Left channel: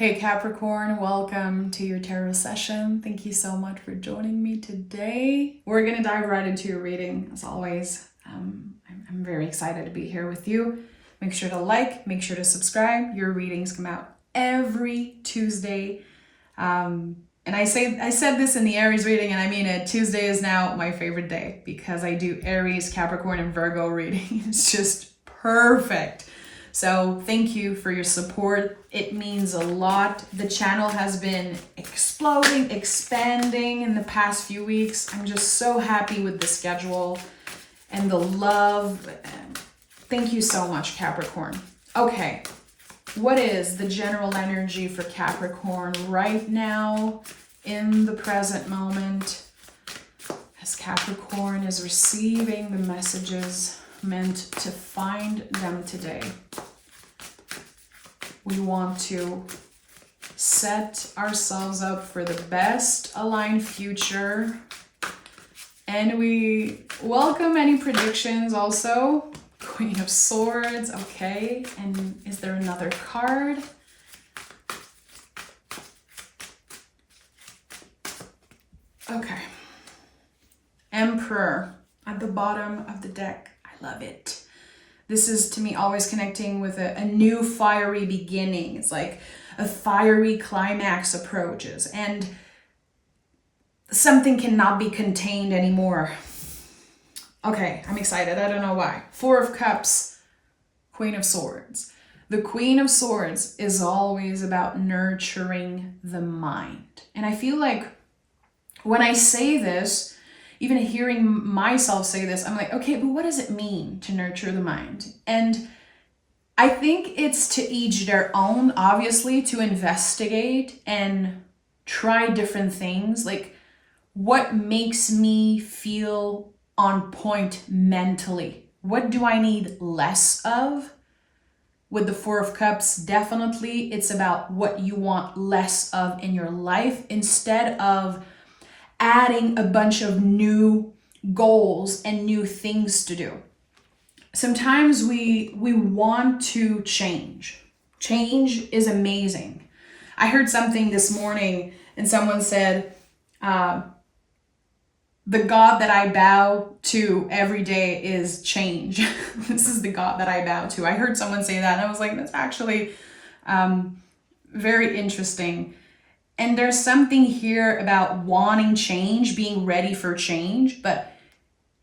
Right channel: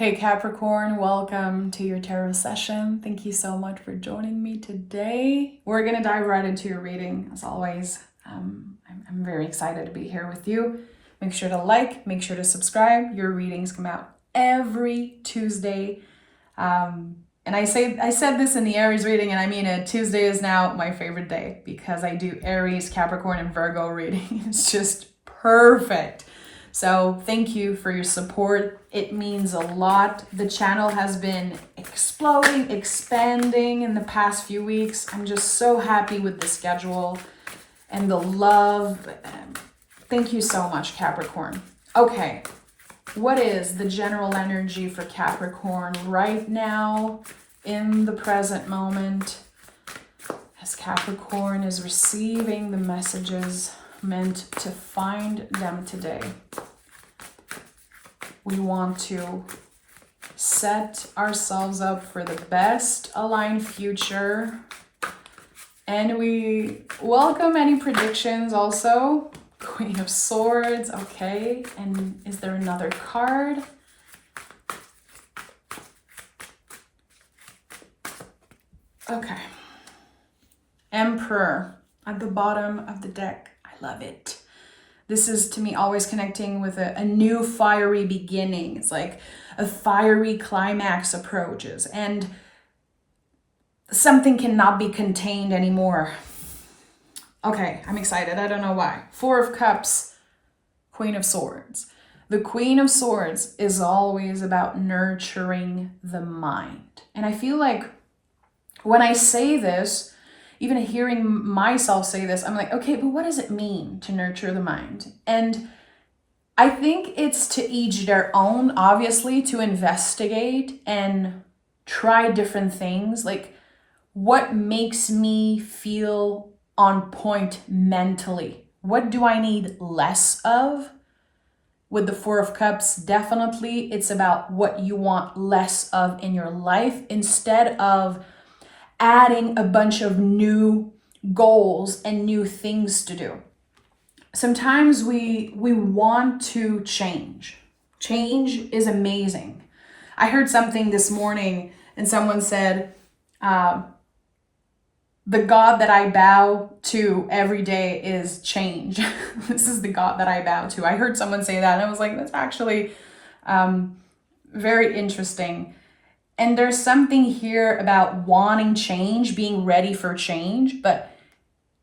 Hey Capricorn, welcome to your tarot session. Thank you so much for joining me today. We're gonna dive right into your reading as always. I'm very excited to be here with you. Make sure to like, make sure to subscribe. Your readings come out every Tuesday. And I said this in the Aries reading, and I mean it. Tuesday is now my favorite day because I do Aries, Capricorn, and Virgo reading. It's just perfect. So thank you for your support. It means a lot. The channel has been exploding, expanding in the past few weeks. I'm just so happy with the schedule and the love. Thank you so much, Capricorn. Okay, what is the general energy for Capricorn right now in the present moment as Capricorn is receiving the messages meant to find them today? We want to set ourselves up for the best aligned future, and we welcome any predictions also. Queen of Swords, okay, and is there another card? Okay, Emperor at the bottom of the deck. I love it. This is, to me, always connecting with a new fiery beginning. It's like a fiery climax approaches, and something cannot be contained anymore. Okay, I'm excited. I don't know why. Four of Cups, Queen of Swords. The Queen of Swords is always about nurturing the mind. And I feel like when I say this, even hearing myself say this, I'm like, okay, but what does it mean to nurture the mind? And I think it's to each their own, obviously, to investigate and try different things. Like, what makes me feel on point mentally? What do I need less of? With the Four of Cups, definitely it's about what you want less of in your life instead of adding a bunch of new goals and new things to do. Sometimes we want to change. Change is amazing. I heard something this morning and someone said, the God that I bow to every day is change. This is the God that I bow to. I heard someone say that and I was like, that's actually very interesting. And there's something here about wanting change, being ready for change, but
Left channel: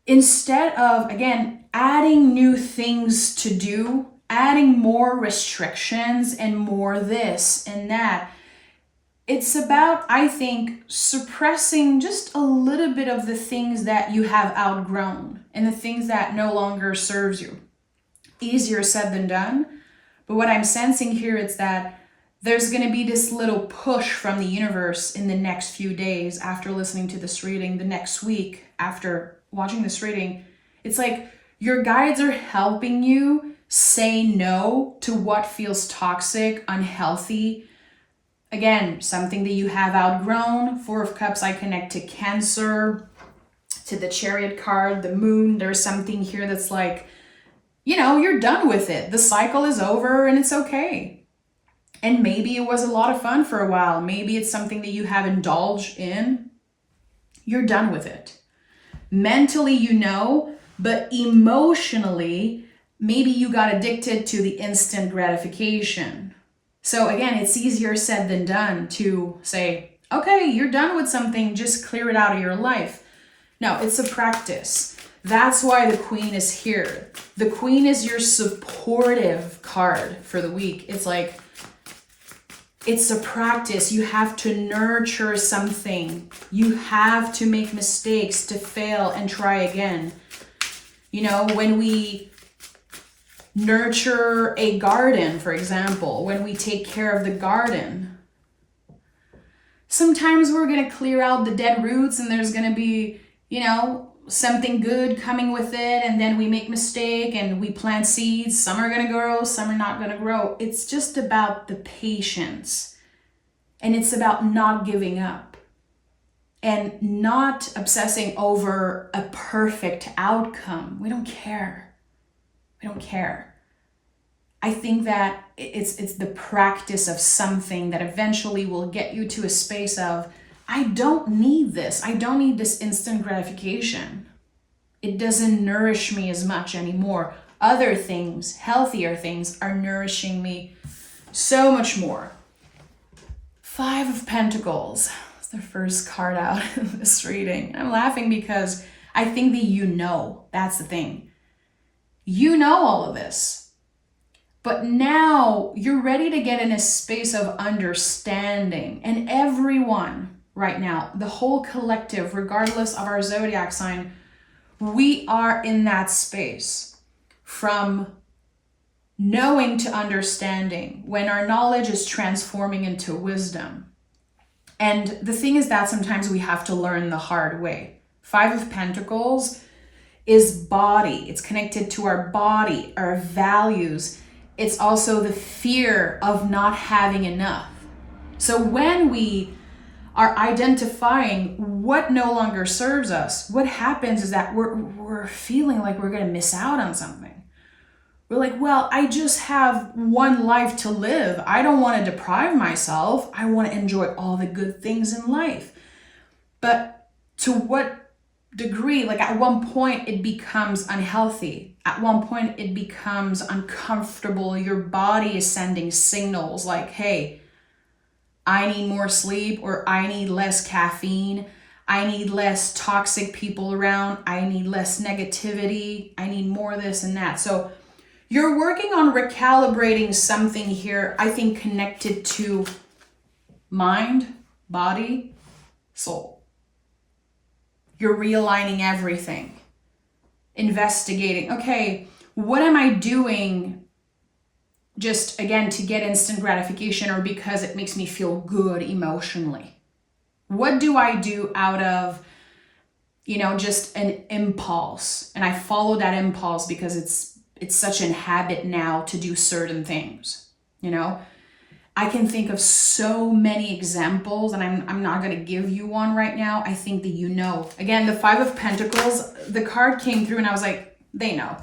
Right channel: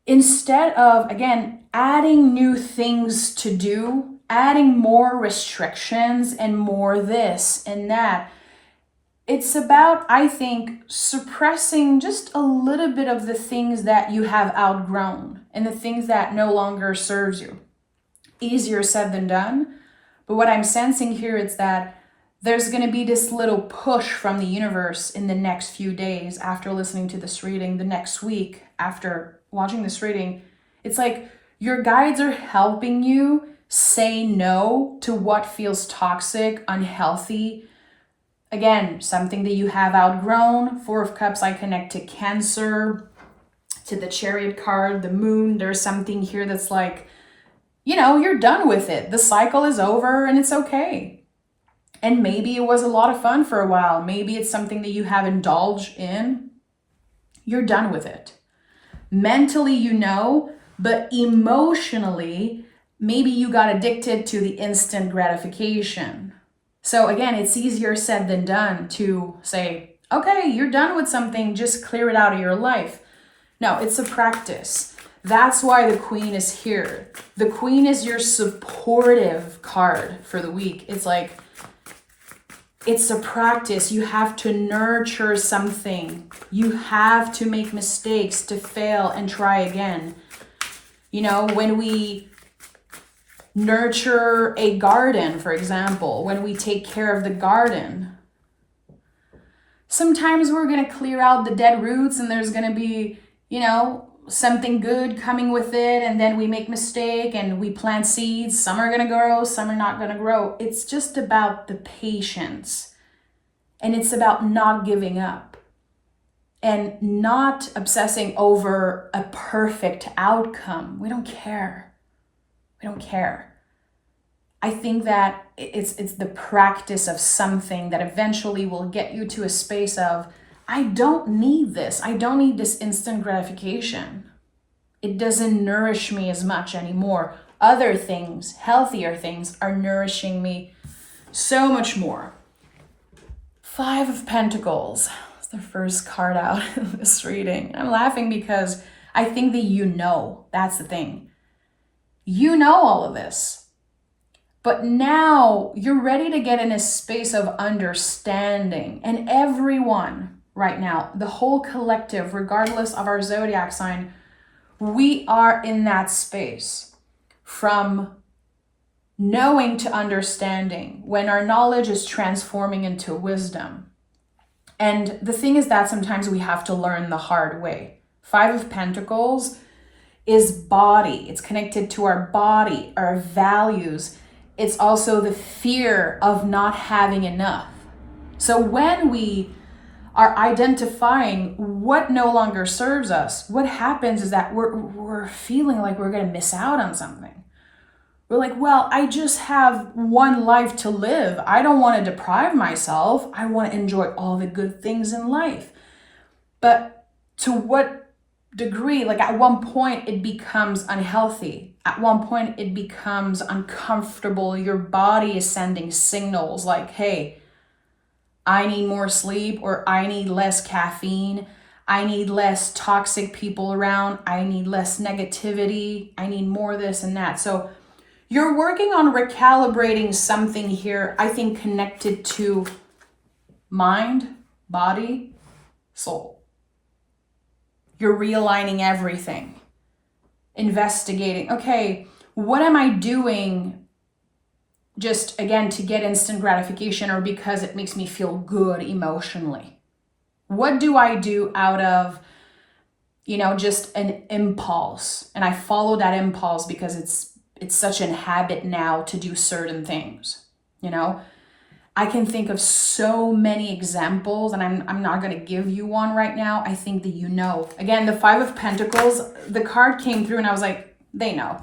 instead of, again, adding new things to do, adding more restrictions and more this and that, it's about, I think, suppressing just a little bit of the things that you have outgrown and the things that no longer serves you. Easier said than done, but what I'm sensing here is that there's going to be this little push from the universe in the next few days after listening to this reading, the next week after watching this reading. It's like your guides are helping you say no to what feels toxic, unhealthy. Again, something that you have outgrown. Four of Cups, I connect to Cancer, to the Chariot card, the Moon. There's something here that's like, you're done with it. The cycle is over and it's okay. And maybe it was a lot of fun for a while. Maybe it's something that you have indulged in. You're done with it. Mentally, but emotionally, maybe you got addicted to the instant gratification. So again, it's easier said than done to say, okay, you're done with something, just clear it out of your life. No, it's a practice. That's why the Queen is here. The Queen is your supportive card for the week. It's like, it's a practice. You have to nurture something. You have to make mistakes, to fail and try again. When we nurture a garden, for example, when we take care of the garden, sometimes we're going to clear out the dead roots and there's going to be, something good coming with it. And then we make mistake and we plant seeds. Some are going to grow, some are not going to grow. It's just about the patience. And it's about not giving up and not obsessing over a perfect outcome. We don't care. I think that it's the practice of something that eventually will get you to a space of, I don't need this. I don't need this instant gratification. It doesn't nourish me as much anymore. Other things, healthier things, are nourishing me so much more. 5 of Pentacles. It's the first card out in this reading. I'm laughing because I think that you know. That's the thing. You know all of this. But now you're ready to get in a space of understanding. And everyone right now, the whole collective, regardless of our zodiac sign, we are in that space from knowing to understanding, when our knowledge is transforming into wisdom. And the thing is that sometimes we have to learn the hard way. 5 of Pentacles is body. It's connected to our body, our values. It's also the fear of not having enough. So when we are identifying what no longer serves us, what happens is that we're feeling like we're going to miss out on something. We're like, well, I just have one life to live. I don't want to deprive myself. I want to enjoy all the good things in life. But to what degree? Like at one point it becomes unhealthy. At one point it becomes uncomfortable. Your body is sending signals like, hey, I need more sleep, or I need less caffeine. I need less toxic people around. I need less negativity. I need more this and that. So you're working on recalibrating something here, I think, connected to mind, body, soul. You're realigning everything, investigating, okay, what am I doing just, again, to get instant gratification or because it makes me feel good emotionally? What do I do out of, just an impulse? And I follow that impulse because it's such an habit now to do certain things, I can think of so many examples, and I'm not going to give you one right now. I think that Again, the 5 of Pentacles, the card came through and I was like, they know.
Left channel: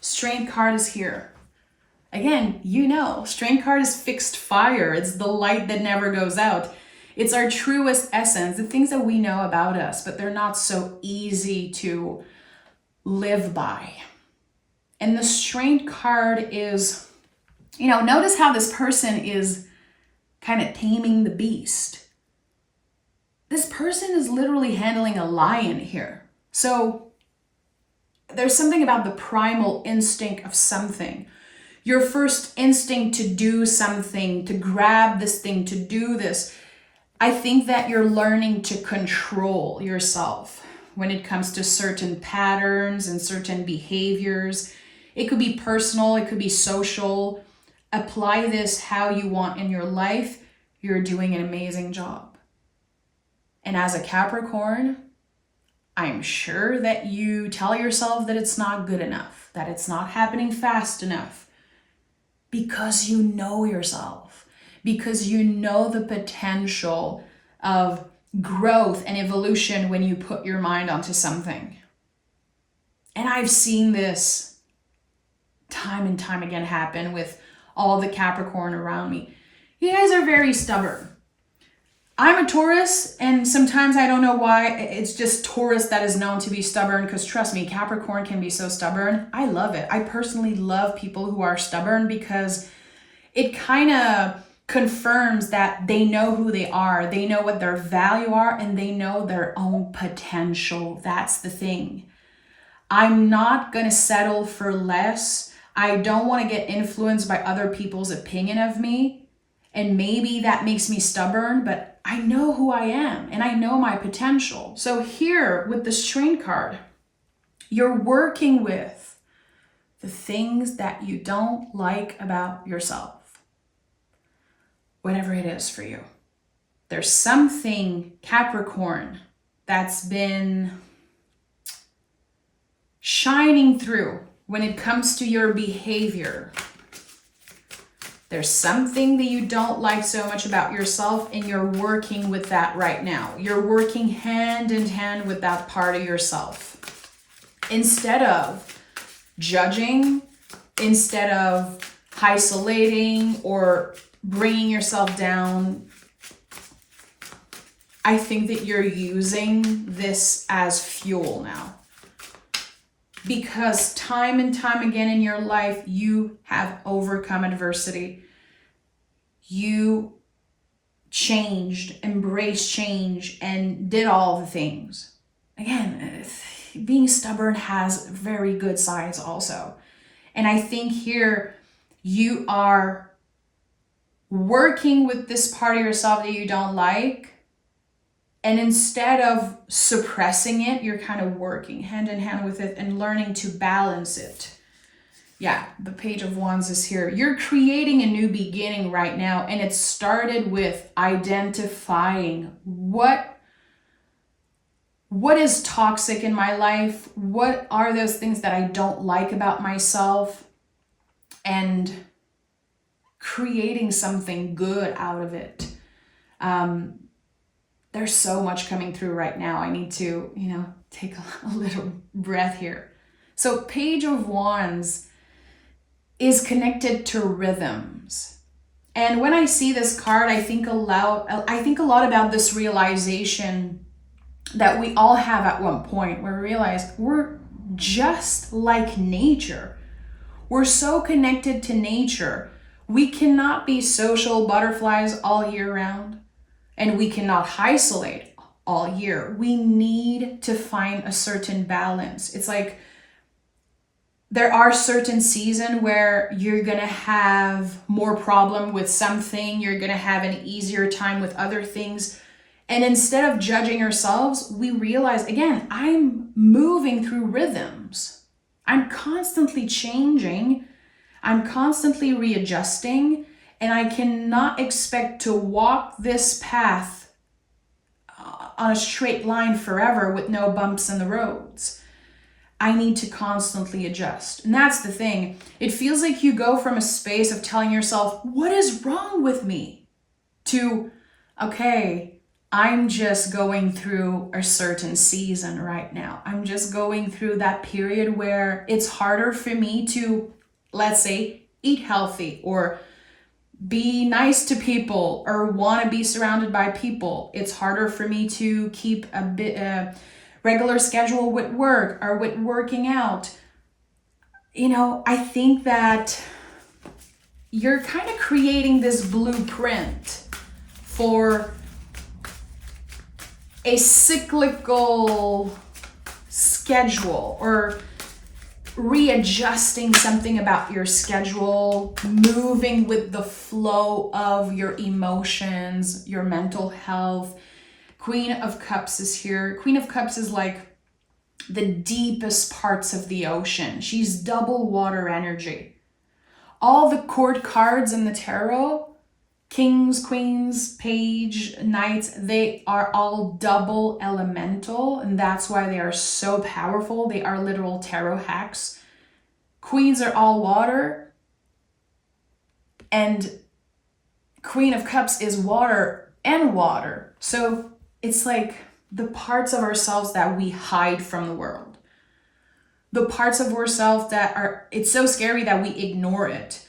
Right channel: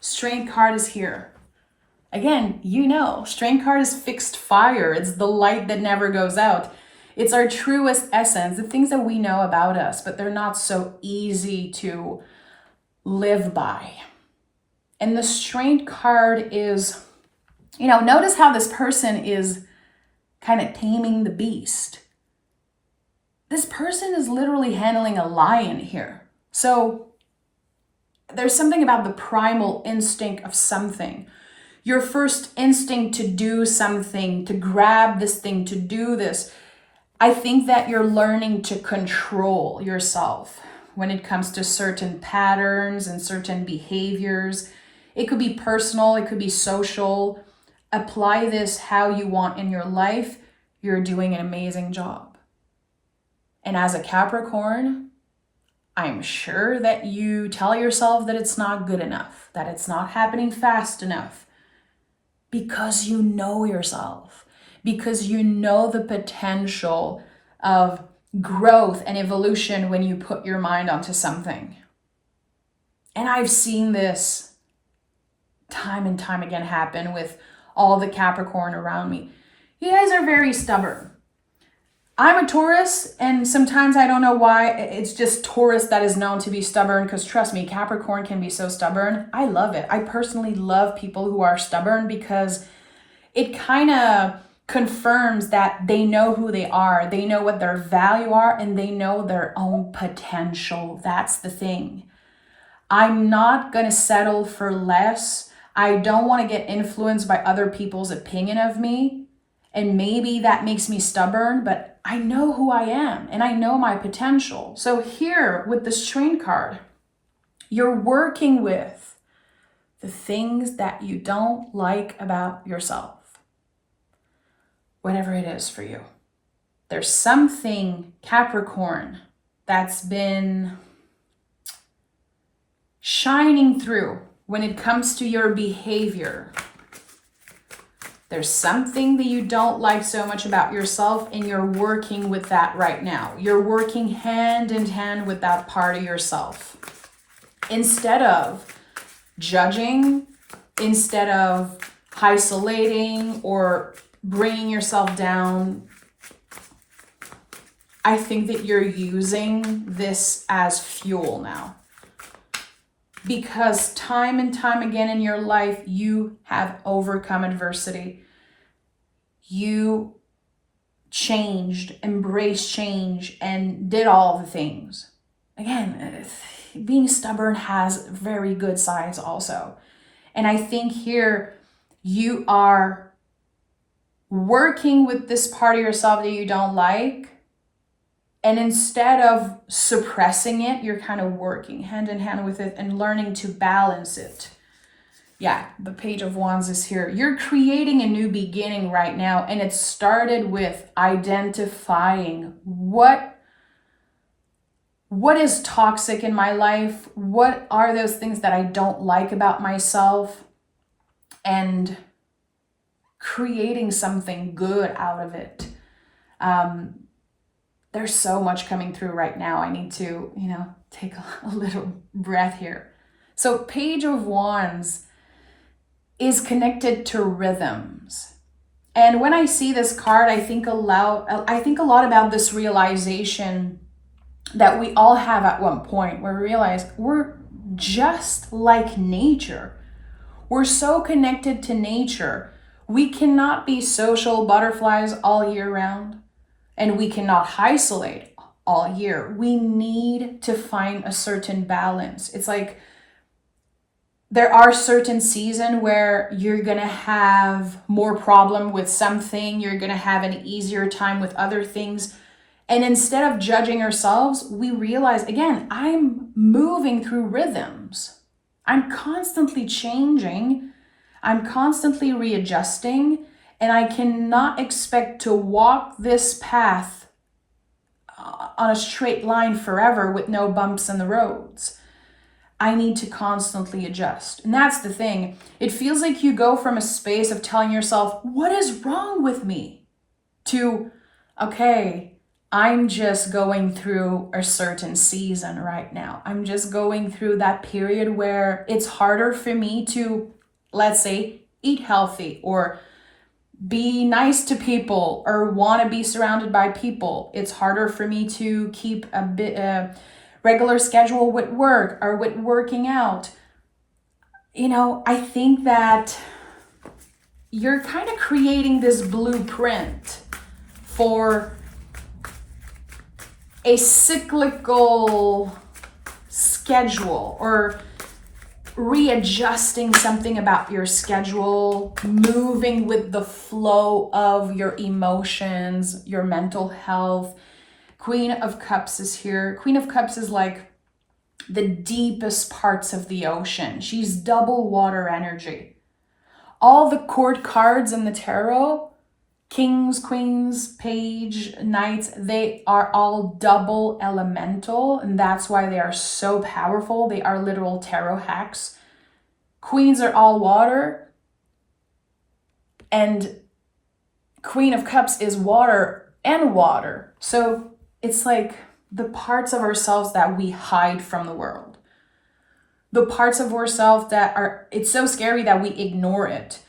Strength card is here. Again, Strength card is fixed fire. It's the light that never goes out. It's our truest essence, the things that we know about us, but they're not so easy to live by. And the Strength card is, notice how this person is kind of taming the beast. This person is literally handling a lion here. So there's something about the primal instinct of something. Your first instinct to do something, to grab this thing, to do this. I think that you're learning to control yourself when it comes to certain patterns and certain behaviors. It could be personal, it could be social. Apply this how you want in your life. You're doing an amazing job. And as a Capricorn, I'm sure that you tell yourself that it's not good enough, that it's not happening fast enough, because you know yourself, because you know the potential of growth and evolution when you put your mind onto something. And I've seen this time and time again happen with all the Capricorn around me. You guys are very stubborn. I'm a Taurus, and sometimes I don't know why. It's just Taurus that is known to be stubborn, because trust me, Capricorn can be so stubborn. I love it. I personally love people who are stubborn because it kind of confirms that they know who they are. They know what their value are, and they know their own potential. That's the thing. I'm not going to settle for less. I don't want to get influenced by other people's opinion of me. And maybe that makes me stubborn, but I know who I am and I know my potential. So here with the Strength card, you're working with the things that you don't like about yourself. Whatever it is for you. There's something, Capricorn, that's been shining through when it comes to your behavior. There's something that you don't like so much about yourself, and you're working with that right now. You're working hand in hand with that part of yourself. Instead of judging, instead of isolating or bringing yourself down, I think that you're using this as fuel now. Because time and time again in your life, you have overcome adversity. You changed, embraced change, and did all the things. Again, being stubborn has very good sides also. And I think here you are working with this part of yourself that you don't like. And instead of suppressing it, you're kind of working hand in hand with it and learning to balance it. Yeah, the Page of Wands is here. You're creating a new beginning right now. And it started with identifying what is toxic in my life? What are those things that I don't like about myself? And creating something good out of it. There's so much coming through right now. I need to, take a little breath here. So Page of Wands is connected to rhythms. And when I see this card, I think a lot about this realization that we all have at one point, where we realize we're just like nature. We're so connected to nature. We cannot be social butterflies all year round. And we cannot isolate all year. We need to find a certain balance. It's like there are certain seasons where you're going to have more problem with something. You're going to have an easier time with other things. And instead of judging ourselves, we realize, again, I'm moving through rhythms. I'm constantly changing. I'm constantly readjusting. And I cannot expect to walk this path on a straight line forever with no bumps in the roads. I need to constantly adjust. And that's the thing. It feels like you go from a space of telling yourself, what is wrong with me? To, okay, I'm just going through a certain season right now. I'm just going through that period where it's harder for me to, let's say, eat healthy or be nice to people or want to be surrounded by people. It's harder for me to keep a regular schedule with work or with working out. I think that you're kind of creating this blueprint for a cyclical schedule or readjusting something about your schedule, moving with the flow of your emotions, your mental health. Queen of Cups is here. Queen of Cups is like the deepest parts of the ocean. She's double water energy. All the court cards in the tarot, kings, queens, page, knights, they are all double elemental, and that's why they are so powerful. They are literal tarot hacks. Queens are all water, and Queen of Cups is water and water. So it's like the parts of ourselves that we hide from the world. The parts of ourselves it's so scary that we ignore it.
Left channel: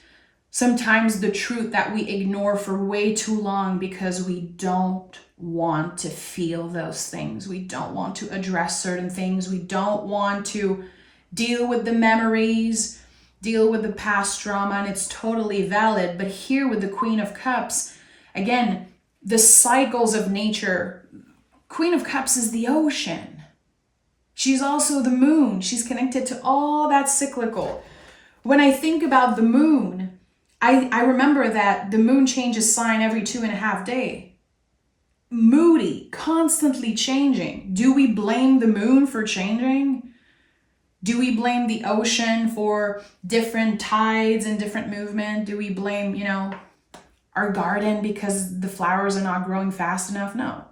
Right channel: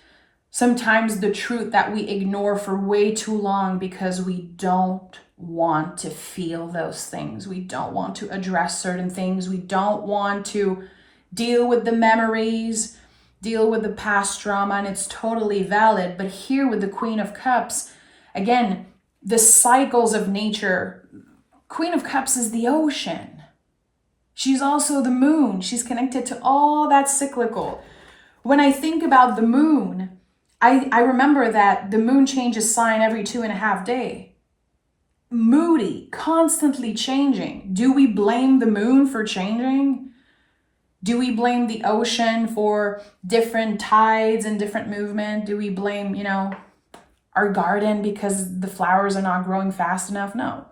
Sometimes the truth that we ignore for way too long because we don't want to feel those things. We don't want to address certain things. We don't want to deal with the memories, deal with the past trauma, and it's totally valid. But here with the Queen of Cups, again, the cycles of nature. Queen of Cups is the ocean. She's also the moon. She's connected to all that cyclical. When I think about the moon, I remember that the moon changes sign every 2.5 days. Moody, constantly changing. Do we blame the moon for changing? Do we blame the ocean for different tides and different movement? Do we blame, our garden because the flowers are not growing fast enough? No.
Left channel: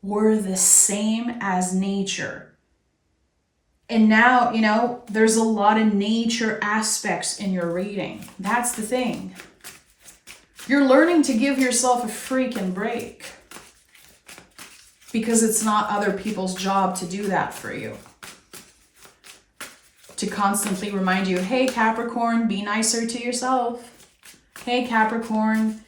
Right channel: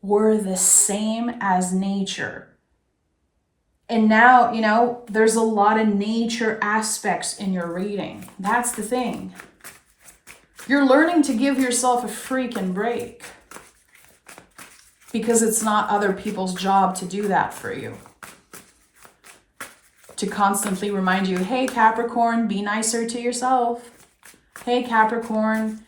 We're the same as nature. And now, there's a lot of nature aspects in your reading. That's the thing. You're learning to give yourself a freaking break. Because it's not other people's job to do that for you. To constantly remind you, hey, Capricorn, be nicer to yourself. Hey, Capricorn,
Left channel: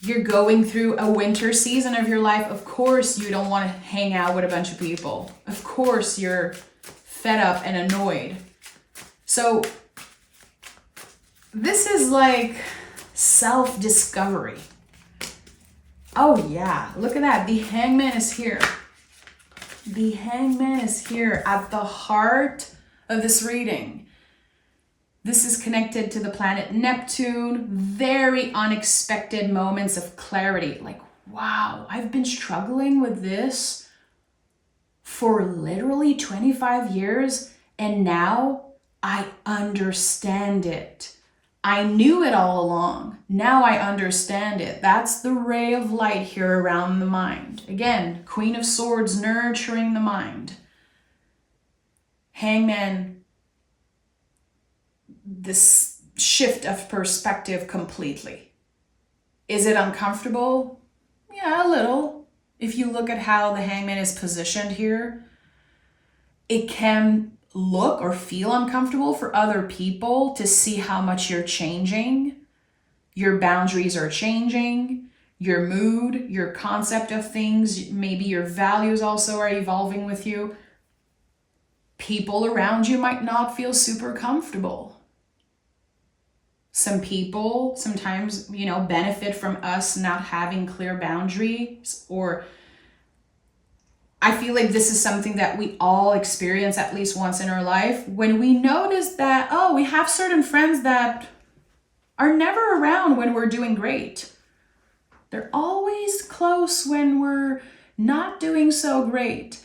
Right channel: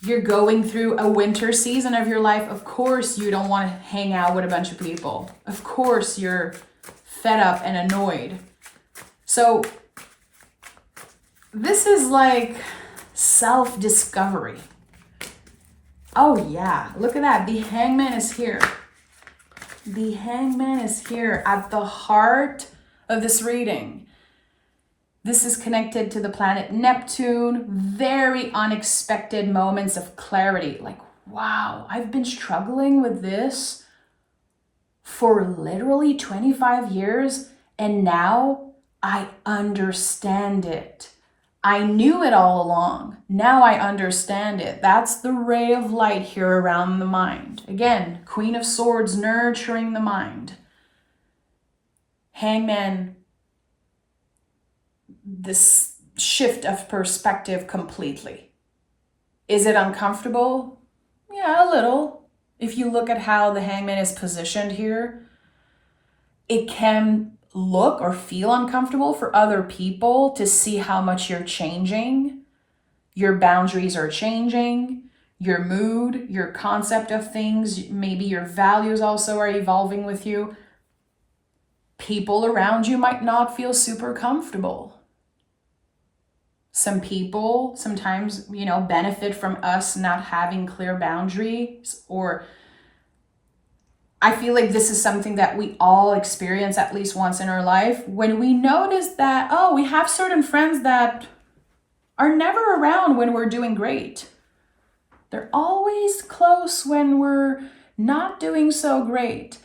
you're going through a winter season of your life. Of course, you don't want to hang out with a bunch of people. Of course, you're fed up and annoyed. So this is like self-discovery. Oh yeah, look at that. The Hangman is here. The Hangman is here at the heart of this reading. This is connected to the planet Neptune. Very unexpected moments of clarity. Like, wow, I've been struggling with this for literally 25 years, and now I understand it. I knew it all along. Now I understand it. That's the ray of light here around the mind. Again, Queen of Swords, nurturing the mind. Hangman, this shift of perspective completely. Is it uncomfortable? Yeah, a little. If you look at how the Hangman is positioned here, it can look or feel uncomfortable for other people to see how much you're changing. Your boundaries are changing, your mood, your concept of things, maybe your values also are evolving with you. People around you might not feel super comfortable. Some people sometimes, benefit from us not having clear boundaries, or I feel like this is something that we all experience at least once in our life, when we notice that, oh, we have certain friends that are never around when we're doing great. They're always close when we're not doing so great.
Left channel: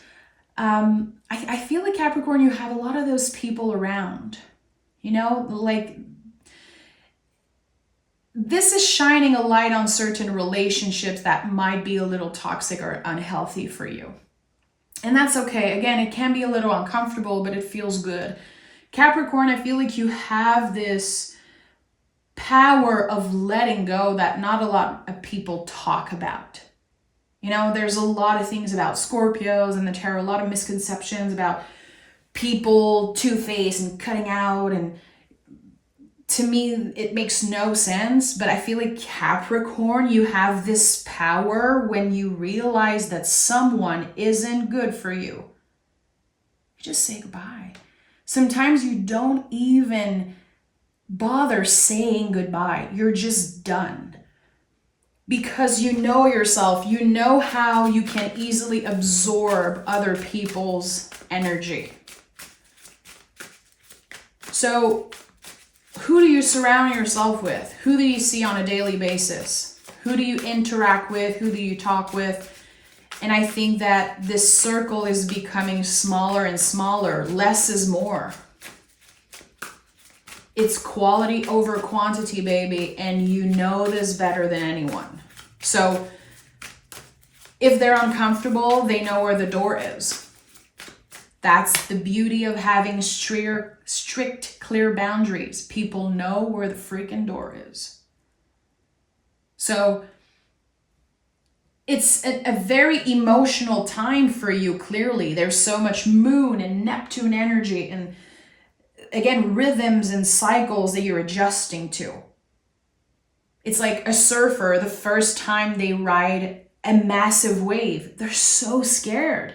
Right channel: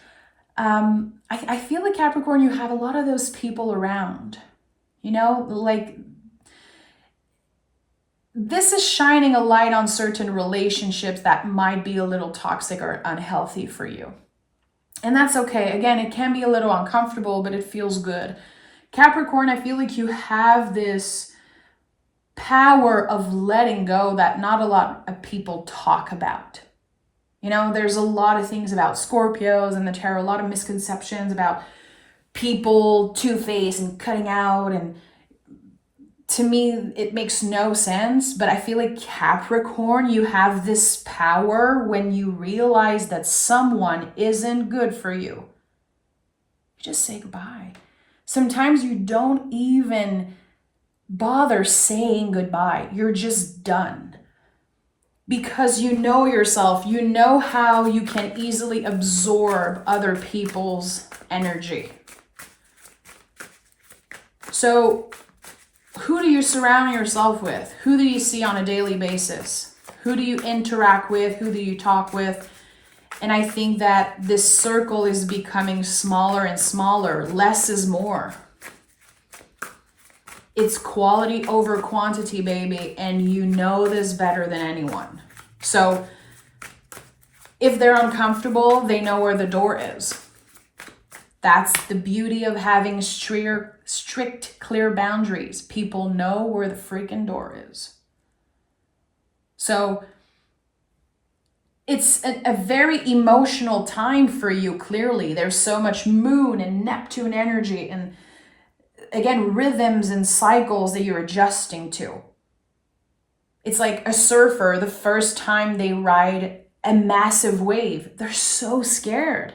I feel like Capricorn, you have a lot of those people around, like this is shining a light on certain relationships that might be a little toxic or unhealthy for you. And that's okay. Again, it can be a little uncomfortable, but it feels good. Capricorn, I feel like you have this power of letting go that not a lot of people talk about. There's a lot of things about Scorpios and the tarot, a lot of misconceptions about people two-faced and cutting out, and to me, it makes no sense, but I feel like Capricorn, you have this power when you realize that someone isn't good for you. You just say goodbye. Sometimes you don't even bother saying goodbye. You're just done. Because you know yourself, you know how you can easily absorb other people's energy. So, who do you surround yourself with? Who do you see on a daily basis? Who do you interact with? Who do you talk with? And I think that this circle is becoming smaller and smaller. Less is more. It's quality over quantity, baby. And you know this better than anyone. So if they're uncomfortable, they know where the door is. That's the beauty of having strict, clear boundaries. People know where the freaking door is. So it's a very emotional time for you, clearly. There's so much moon and Neptune energy and, again, rhythms and cycles that you're adjusting to. It's like a surfer, the first time they ride a massive wave, they're so scared.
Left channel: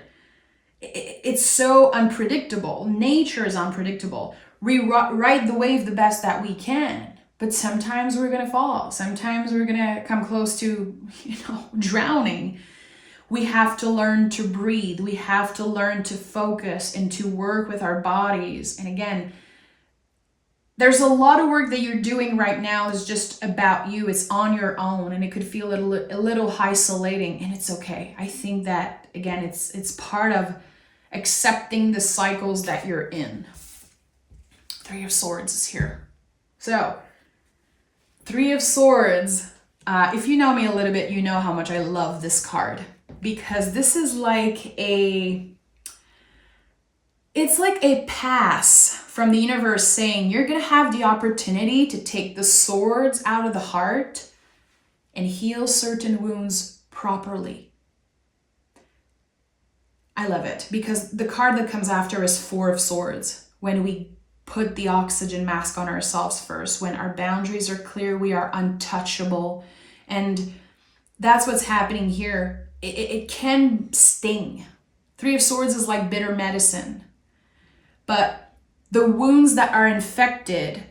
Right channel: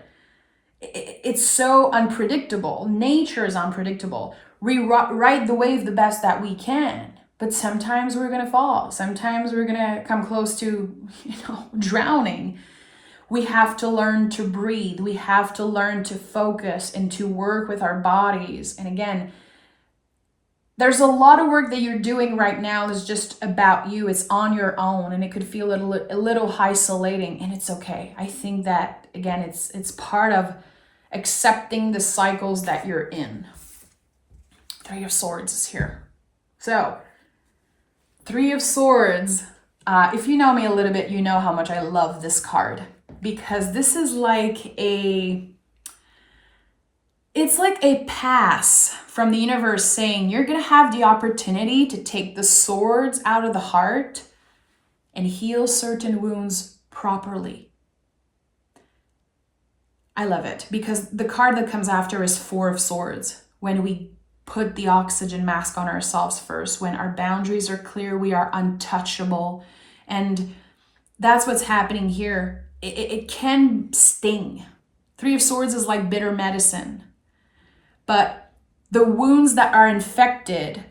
It's so unpredictable. Nature is unpredictable. We ride the wave the best that we can, but sometimes we're going to fall. Sometimes we're going to come close to, drowning. We have to learn to breathe. We have to learn to focus and to work with our bodies. And again, there's a lot of work that you're doing right now that's just about you. It's on your own, and it could feel a little isolating, and it's okay. I think that, again, it's part of accepting the cycles that you're in. Three of Swords is here. So, Three of Swords. If you know me a little bit, you know how much I love this card, because this is it's like a pass from the universe saying you're going to have the opportunity to take the swords out of the heart and heal certain wounds properly. I love it because the card that comes after is Four of Swords. When we put the oxygen mask on ourselves first. When our boundaries are clear, we are untouchable. And that's what's happening here. It can sting. Three of Swords is like bitter medicine. But the wounds that are infected,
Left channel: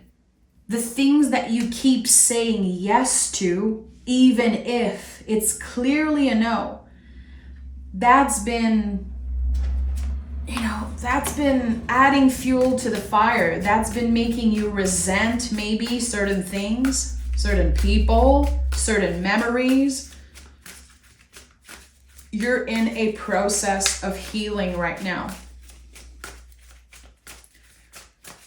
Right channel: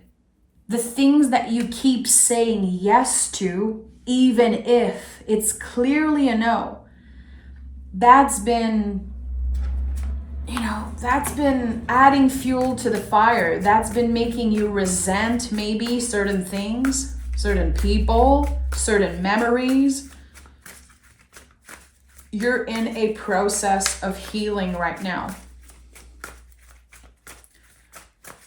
the things that you keep saying yes to, even if it's clearly a no, that's been adding fuel to the fire. That's been making you resent maybe certain things, certain people, certain memories. You're in a process of healing right now.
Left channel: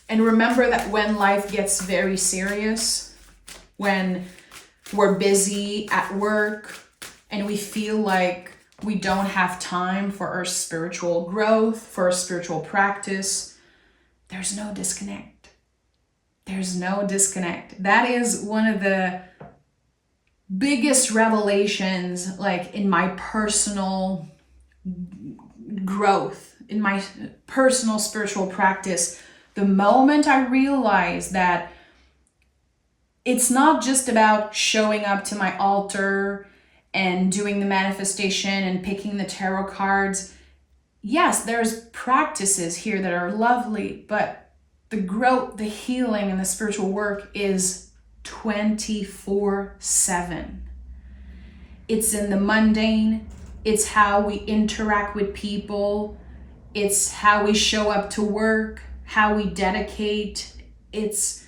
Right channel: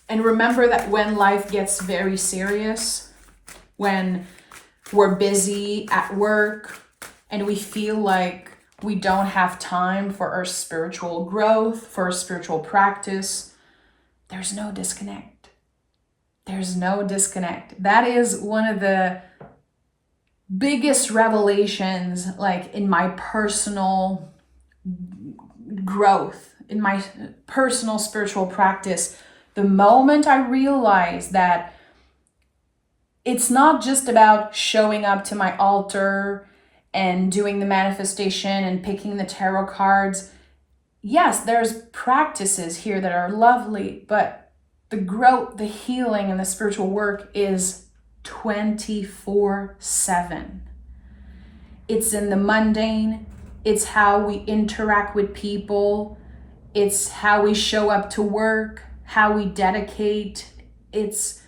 And remember that when life gets very serious, when we're busy at work and we feel like we don't have time for our spiritual growth, for our spiritual practice, there's no disconnect. There's no disconnect. That is one of the biggest revelations, like in my personal growth, in my personal spiritual practice. The moment I realized that it's not just about showing up to my altar and doing the manifestation and picking the tarot cards. Yes, there's practices here that are lovely, but the growth, the healing, and the spiritual work is 24/7. It's in the mundane. It's how we interact with people. It's how we show up to work, how we dedicate. It's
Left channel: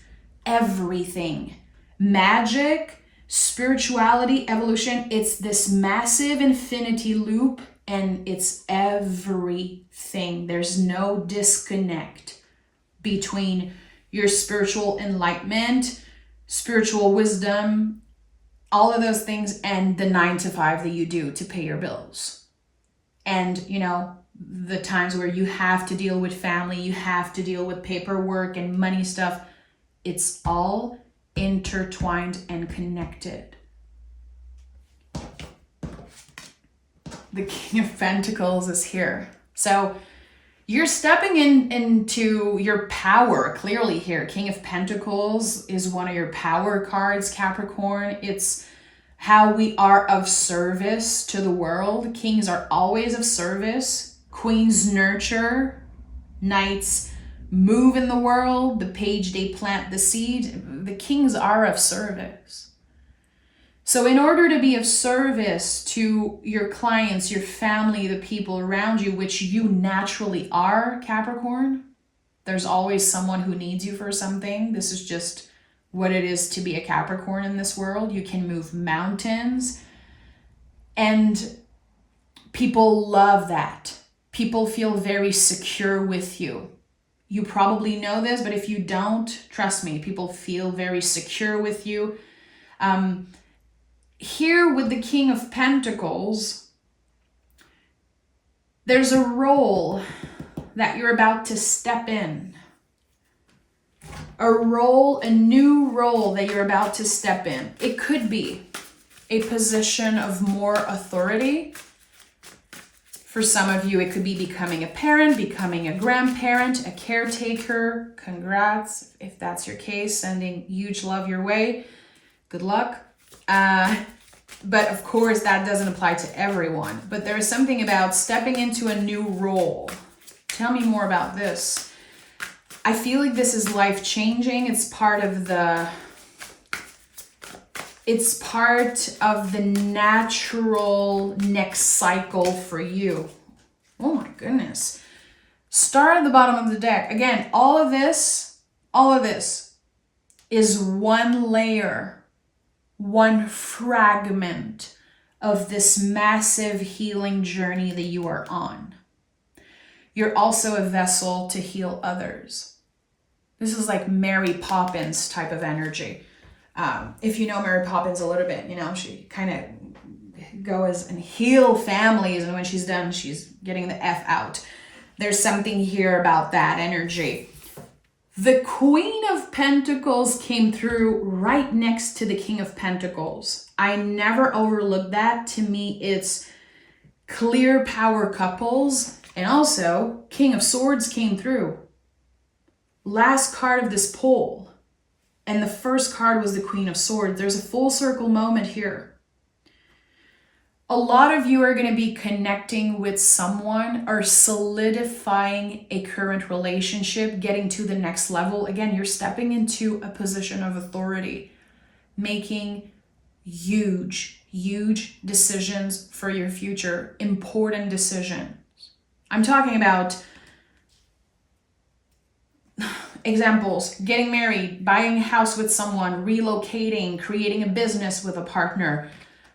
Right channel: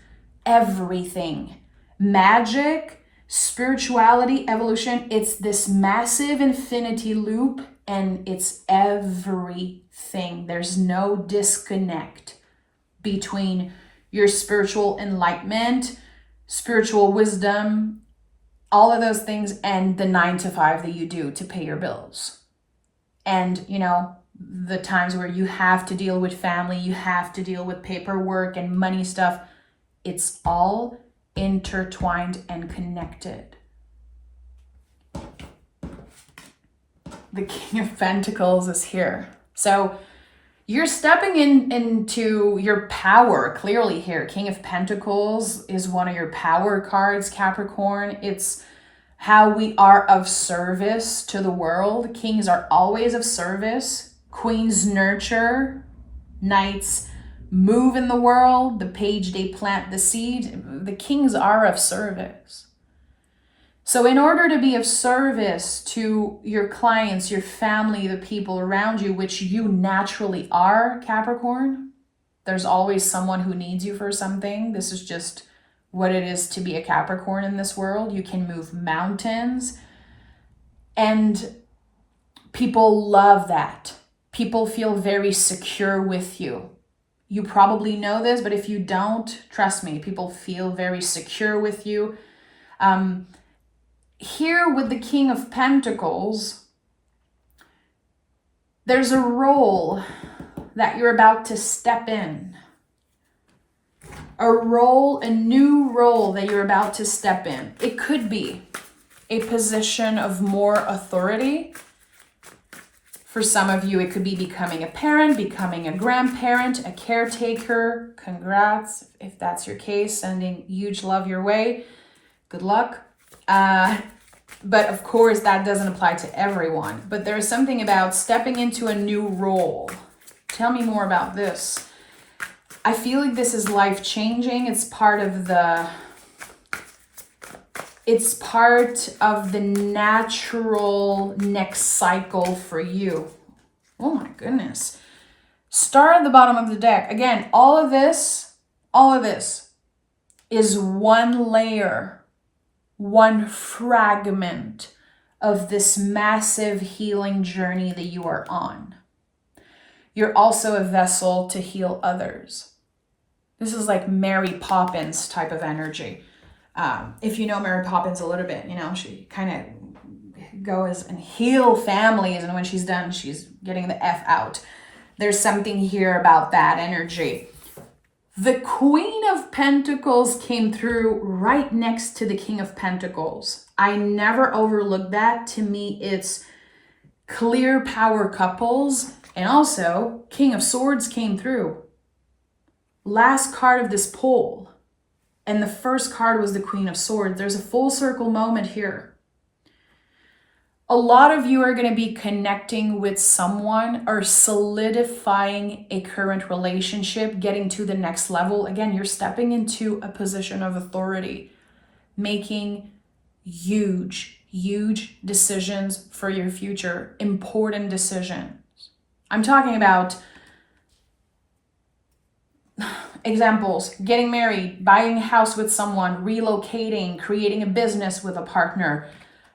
everything. Magic, spirituality, evolution, it's this massive infinity loop, and it's everything. There's no disconnect between your spiritual enlightenment, spiritual wisdom, all of those things, and the 9 to 5 that you do to pay your bills. And, the times where you have to deal with family, you have to deal with paperwork and money stuff. It's all intertwined and connected. The King of Pentacles is here. So you're stepping into your power clearly here. King of Pentacles is one of your power cards, Capricorn. It's how we are of service to the world. Kings are always of service. Queens nurture. Knights move in the world. The page, they plant the seed. The kings are of service. So in order to be of service to your clients, your family, the people around you, which you naturally are, Capricorn, there's always someone who needs you for something. This is just what it is to be a Capricorn in this world. You can move mountains, and people love that. People feel very secure with you. You probably know this, but if you don't, trust me, people feel very secure with you. Here with the King of Pentacles, there's a role that you're about to step in. A new role that you're about to step in. It could be a position of more authority. For some of you, it could be becoming a parent, becoming a grandparent, a caretaker. Congrats if that's your case. Sending huge love your way. Good luck. But of course, that doesn't apply to everyone. But there's something about stepping into a new role. Tell me more about this. I feel like this is life-changing. It's part of the natural next cycle for you. Oh my goodness. Star at the bottom of the deck. Again, all of this is one layer, one fragment of this massive healing journey that you are on. You're also a vessel to heal others. This is like Mary Poppins type of energy. If you know Mary Poppins a little bit, she kind of goes and heal families, and when she's done, she's getting the F out. There's something here about that energy. The Queen of Pentacles came through right next to the King of Pentacles. I never overlook that. To me, it's clear power couples. And also, King of Swords came through. Last card of this poll, and the first card was the Queen of Swords. There's a full circle moment here. A lot of you are going to be connecting with someone or solidifying a current relationship, getting to the next level. Again, you're stepping into a position of authority, making huge decisions for your future, important decisions. I'm talking about examples: getting married, buying a house with someone, relocating, creating a business with a partner,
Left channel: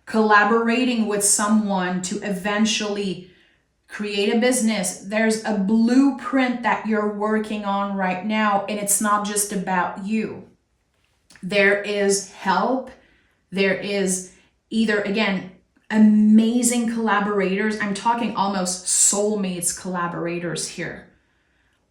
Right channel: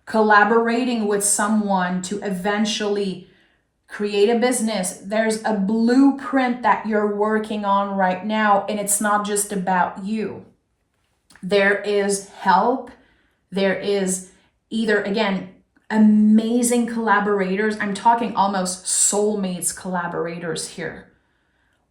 collaborating with someone to eventually create a business. There's a blueprint that you're working on right now, and it's not just about you. There is help. There is either, again, amazing collaborators. I'm talking almost soulmates collaborators here,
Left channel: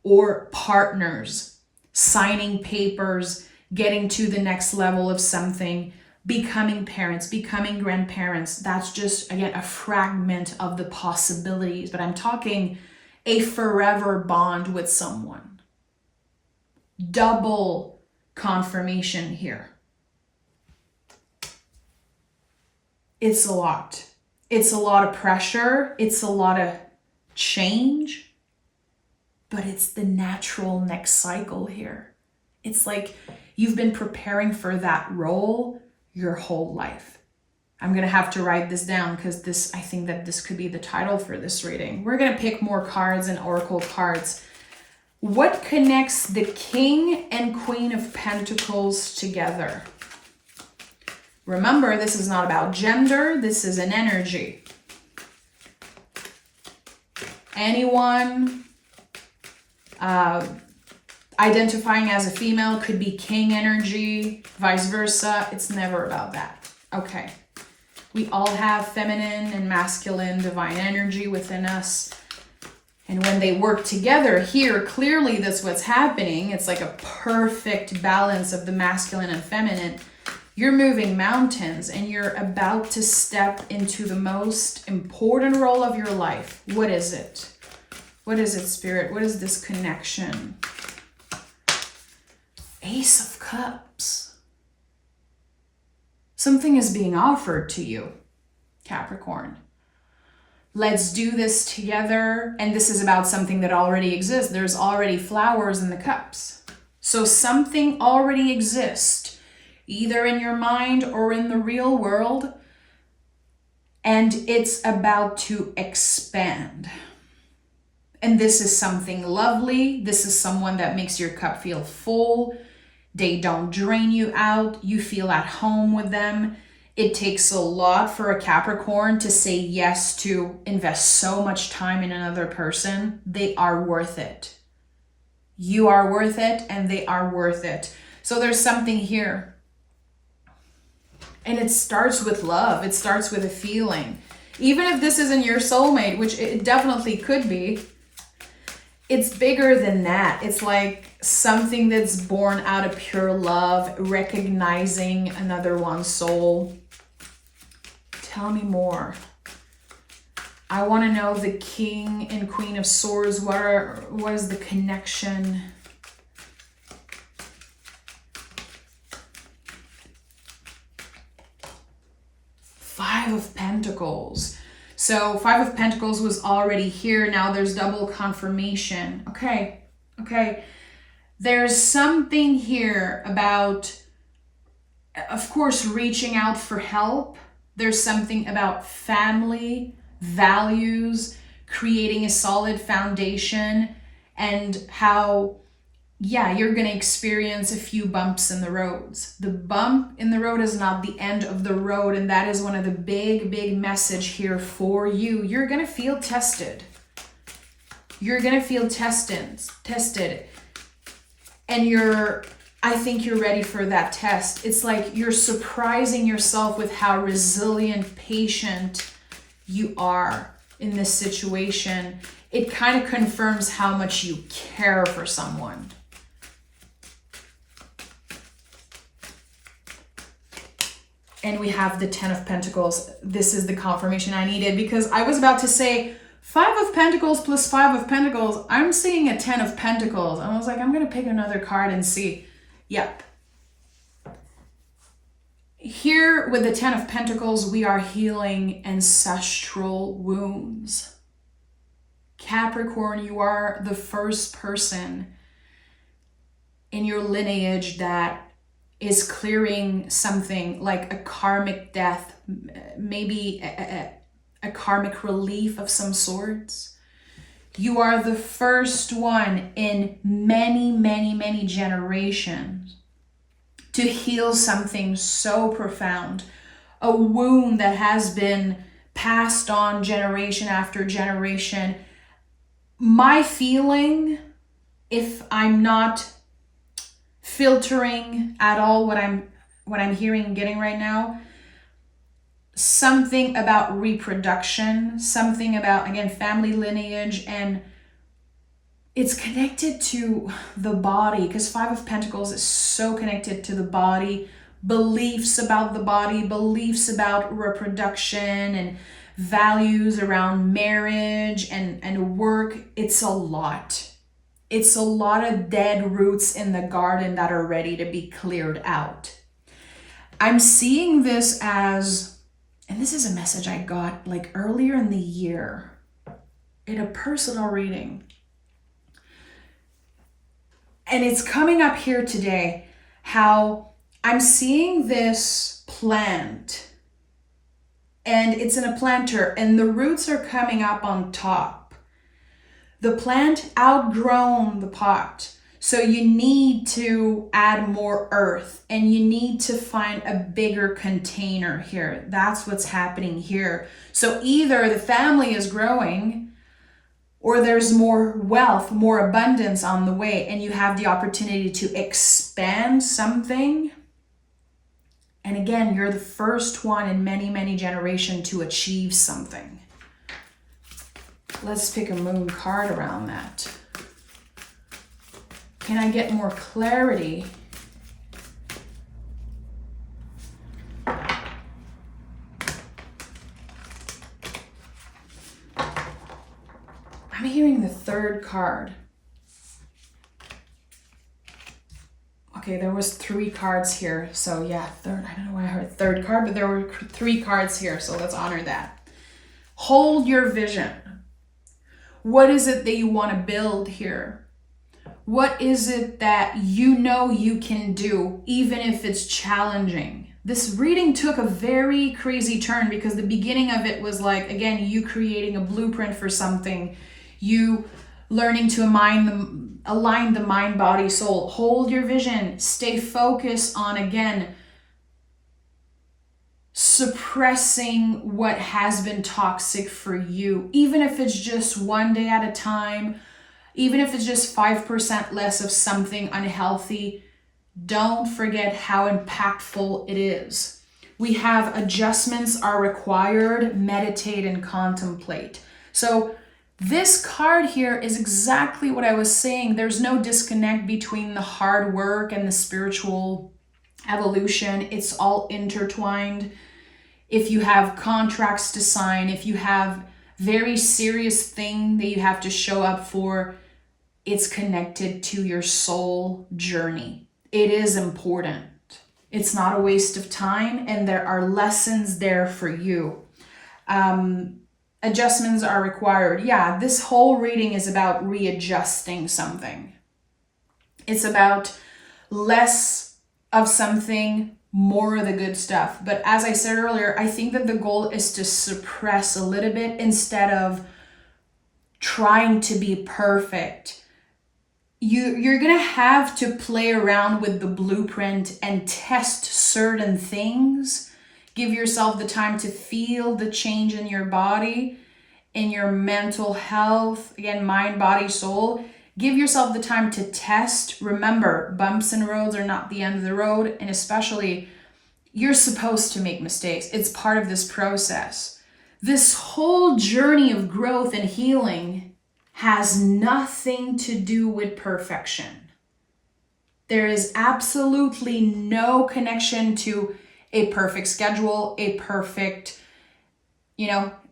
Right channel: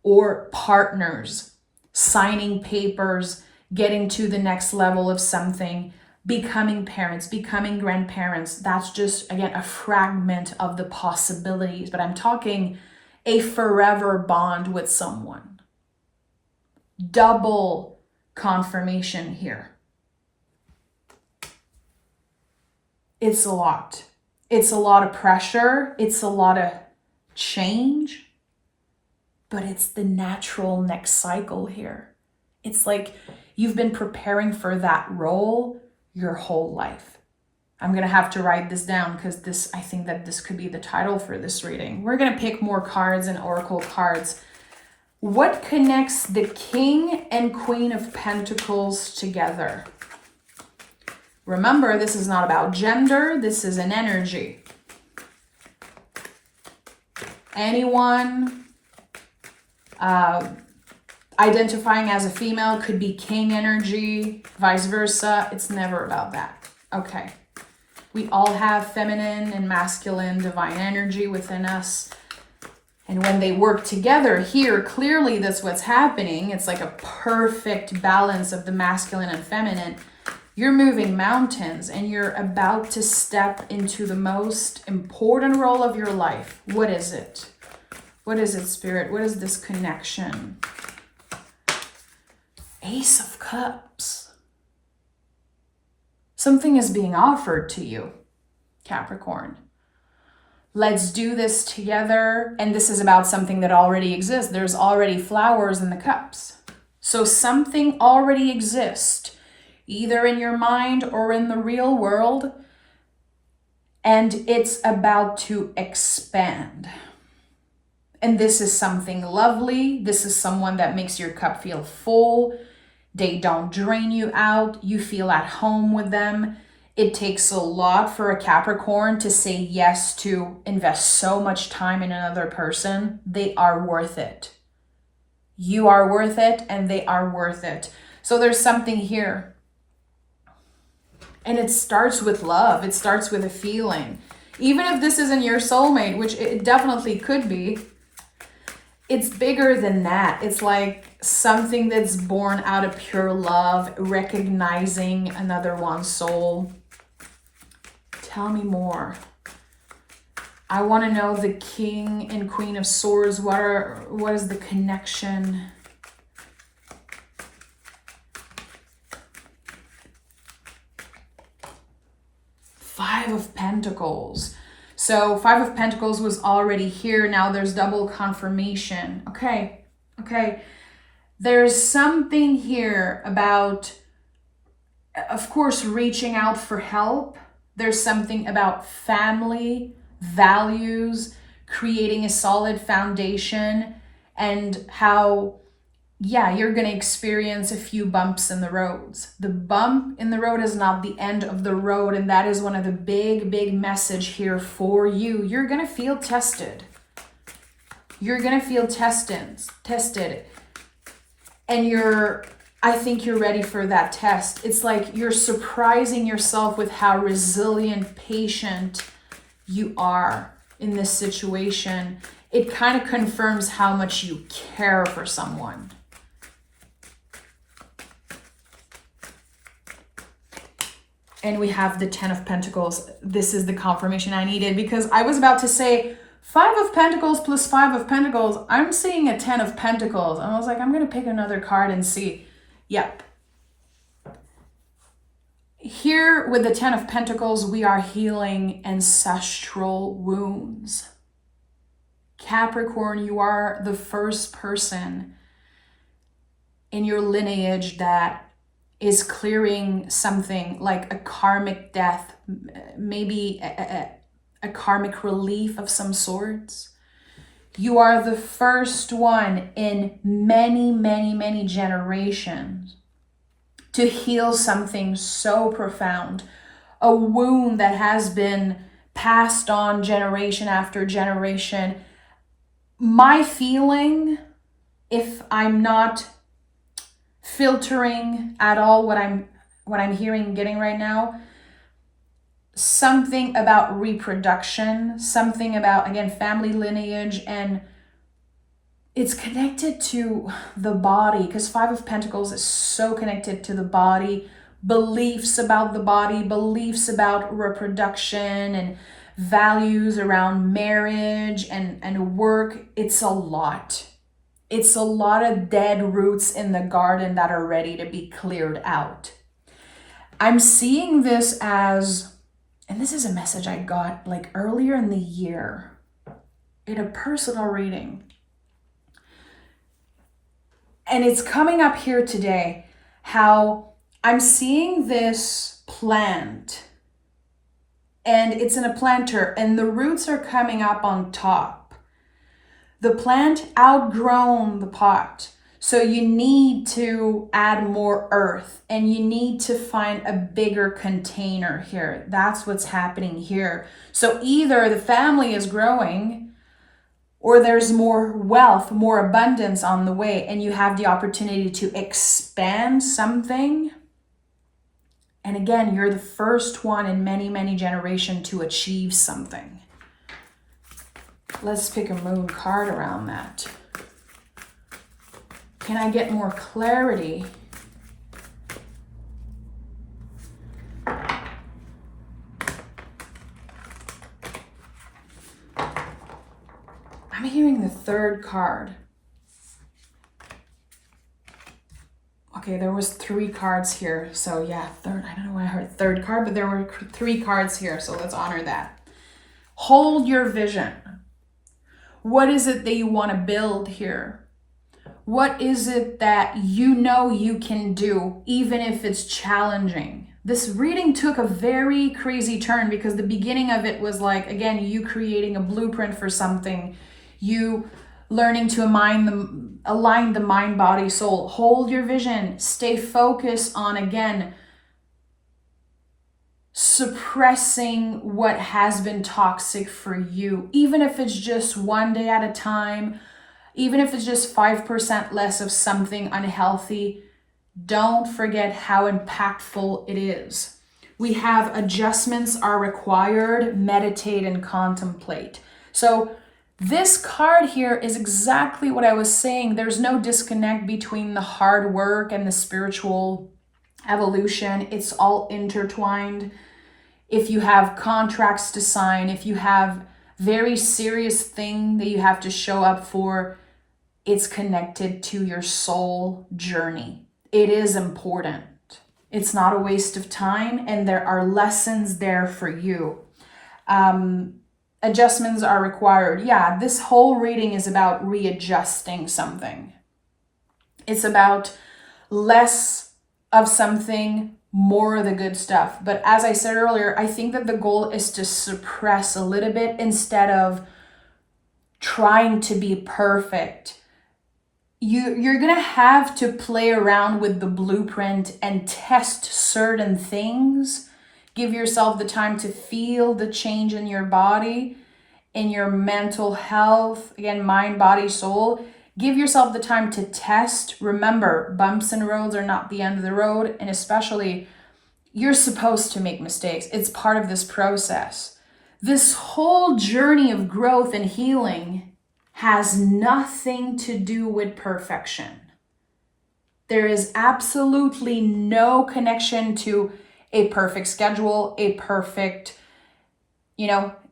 or partners, signing papers, getting to the next level of something, becoming parents, becoming grandparents. That's just, again, a fragment of the possibilities, but I'm talking a forever bond with someone. Double confirmation here. It's a lot. It's a lot of pressure. It's a lot of change. But it's the natural next cycle here. It's like you've been preparing for that role your whole life. I'm going to have to write this down because I think that this could be the title for this reading. We're going to pick more cards and oracle cards. What connects the King and Queen of Pentacles together? Remember, this is not about gender. This is an energy. Anyone identifying as a female could be king energy, vice versa. It's never about that. Okay. We all have feminine and masculine divine energy within us. And when they work together here, clearly that's what's happening. It's like a perfect balance of the masculine and feminine. You're moving mountains and you're about to step into the most important role of your life. What is it? What is it, Spirit? What is this connection? Ace of Cups. Something is being offered to you, Capricorn. Let's do this together. And this is about something that already exists. There's already flowers in the cups. So something already exists, either in your mind or in the real world. And it's about to expand. And this is something lovely. This is someone that makes your cup feel full. They don't drain you out. You feel at home with them. It takes a lot for a Capricorn to say yes to invest so much time in another person. They are worth it. You are worth it and they are worth it. So there's something here. And it starts with love. It starts with a feeling. Even if this isn't your soulmate, which it definitely could be, it's bigger than that. It's like something that's born out of pure love, recognizing another one's soul. Tell me more. I want to know the King and Queen of Swords. What is the connection? Five of Pentacles. So 5 of Pentacles was already here. Now there's double confirmation. Okay. There's something here about, of course, reaching out for help. There's something about family, values, creating a solid foundation, and how, yeah, you're going to experience a few bumps in the roads. The bump in the road is not the end of the road, and that is one of the big message here for you. You're going to feel tested. You're going to feel tested. And I think you're ready for that test. It's like you're surprising yourself with how resilient, patient you are in this situation. It kind of confirms how much you care for someone. And we have the 10 of Pentacles. This is the confirmation I needed, because I was about to say 5 of Pentacles plus 5 of Pentacles, I'm seeing a 10 of Pentacles. I was like, I'm going to pick another card and see. Yep. Here with the 10 of Pentacles, we are healing ancestral wounds. Capricorn, you are the first person in your lineage that is clearing something like a karmic death, maybe a karmic relief of some sorts. You are the first one in many, many, many generations to heal something so profound, a wound that has been passed on generation after generation. My feeling, if I'm not filtering at all what I'm hearing and getting right now, something about reproduction, something about, again, family lineage, and it's connected to the body, because 5 of Pentacles is so connected to the body, beliefs about the body, beliefs about reproduction, and values around marriage and work. It's a lot. It's a lot of dead roots in the garden that are ready to be cleared out. I'm seeing this as, and this is a message I got like earlier in the year in a personal reading. And it's coming up here today, how I'm seeing this plant, and it's in a planter, and the roots are coming up on top. The plant outgrown the pot. So you need to add more earth, and you need to find a bigger container here. That's what's happening here. So either the family is growing, or there's more wealth, more abundance on the way, and you have the opportunity to expand something. And again, you're the first one in many, many generations to achieve something. Let's pick a moon card around that. Can I get more clarity? I'm hearing the 3rd card. Okay, there was 3 cards here. So yeah, 3rd. I don't know why I heard 3rd card, but there were 3 cards here. So let's honor that. Hold your vision. What is it that you want to build here? What is it that you know you can do, even if it's challenging? This reading took a very crazy turn, because the beginning of it was like, again, you creating a blueprint for something, you learning to align the mind, body, soul. Hold your vision. Stay focused on, again, suppressing what has been toxic for you, even if it's just one day at a time. Even if it's just 5% less of something unhealthy, don't forget how impactful it is. We have adjustments are required, meditate and contemplate. So this card here is exactly what I was saying. There's no disconnect between the hard work and the spiritual evolution. It's all intertwined. If you have contracts to sign, if you have very serious thing that you have to show up for, it's connected to your soul journey. It is important. It's not a waste of time, and there are lessons there for you. Adjustments are required. Yeah, this whole reading is about readjusting something. It's about less of something, more of the good stuff. But as I said earlier, I think that the goal is to suppress a little bit instead of trying to be perfect. You're going to have to play around with the blueprint and test certain things. Give yourself the time to feel the change in your body, in your mental health, again, mind, body, soul. Give yourself the time to test. Remember, bumps and roads are not the end of the road, and especially, you're supposed to make mistakes. It's part of this process. This whole journey of growth and healing has nothing to do with perfection. There is absolutely no connection to a perfect schedule, a perfect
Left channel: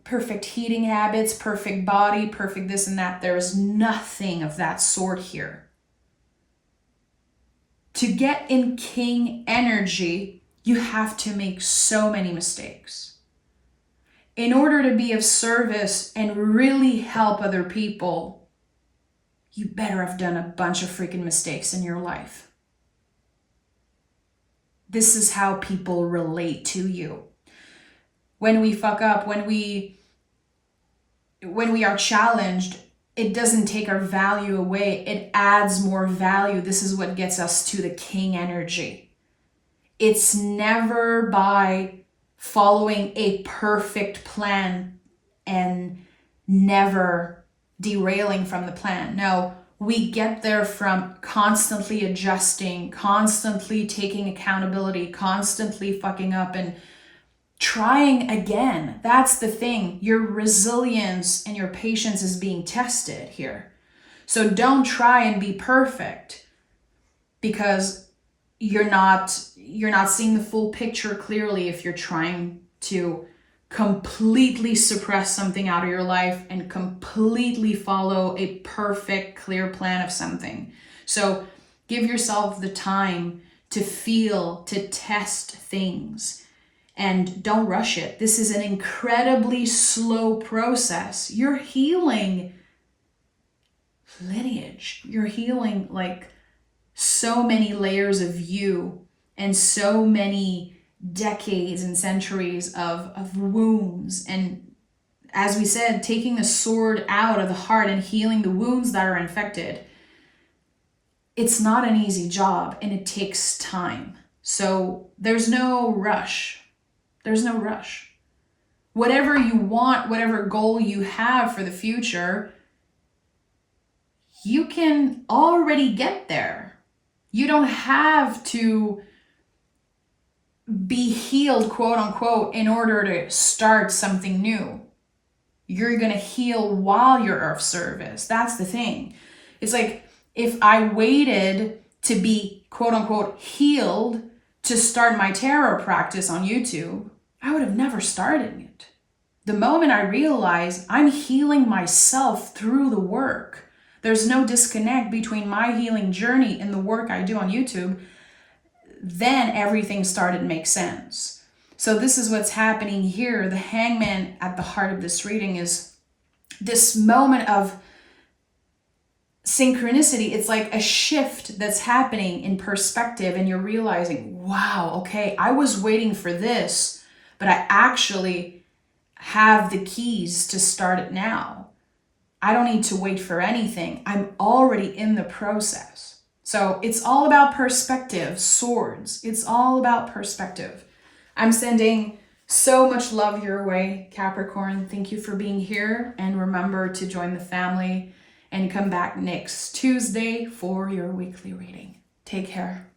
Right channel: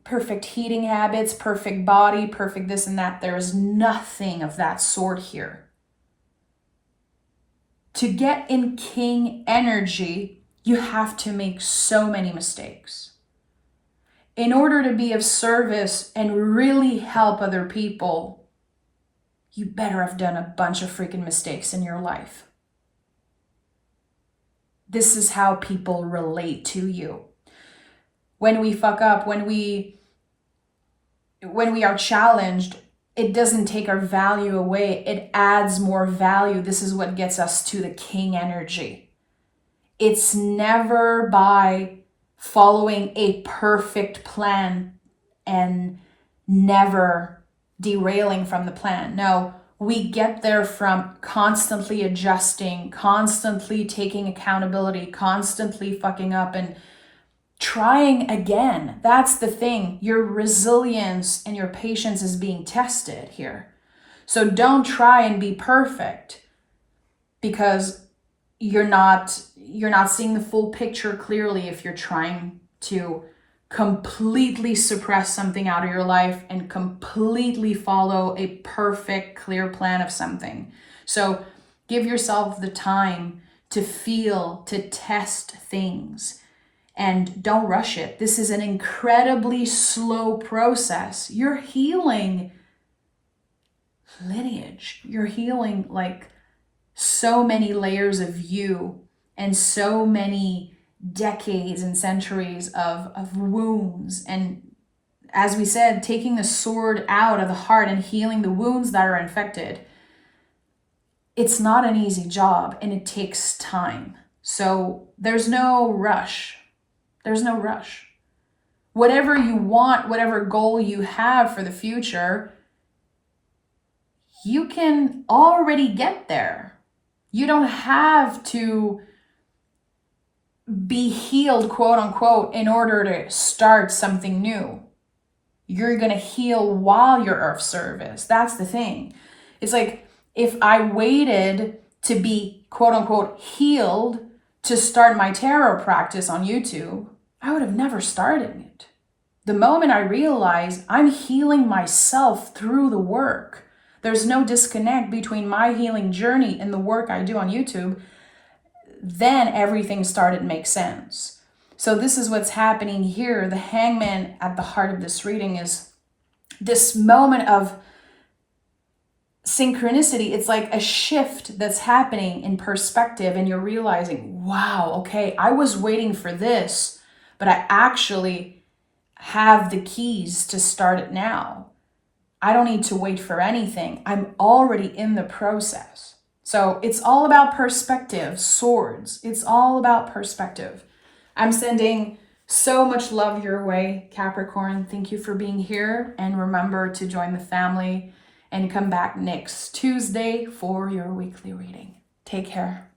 perfect eating habits, perfect body, perfect this and that. There is nothing of that sort here. To get in king energy, you have to make so many mistakes. In order to be of service and really help other people, you better have done a bunch of freaking mistakes in your life. This is how people relate to you. When we fuck up, when we are challenged, it doesn't take our value away. It adds more value. This is what gets us to the king energy. It's never by following a perfect plan and never derailing from the plan. No, we get there from constantly adjusting, constantly taking accountability, constantly fucking up and trying again. That's the thing. Your resilience and your patience is being tested here. So don't try and be perfect, because you're not seeing the full picture clearly if you're trying to completely suppress something out of your life and completely follow a perfect, clear plan of something. So give yourself the time to feel, to test things, and don't rush it. This is an incredibly slow process. You're healing lineage. You're healing like so many layers of you and so many decades and centuries of wounds. And as we said, taking the sword out of the heart and healing the wounds that are infected, it's not an easy job and it takes time. So there's no rush. There's no rush. Whatever you want, whatever goal you have for the future, you can already get there. You don't have to be healed, quote unquote, in order to start something new. You're going to heal while you're of service. That's the thing. It's like if I waited to be, quote unquote, healed to start my tarot practice on YouTube, I would have never started it. The moment I realize I'm healing myself through the work, there's no disconnect between my healing journey and the work I do on YouTube, then everything started to make sense. So this is what's happening here. The hangman at the heart of this reading is this moment of synchronicity. It's like a shift that's happening in perspective, and you're realizing, wow, okay, I was waiting for this, but I actually have the keys to start it now. I don't need to wait for anything. I'm already in the process. So it's all about perspective, swords. It's all about perspective. I'm sending so much love your way, Capricorn. Thank you for being here. And remember to join the family and come back next Tuesday for your weekly reading. Take care.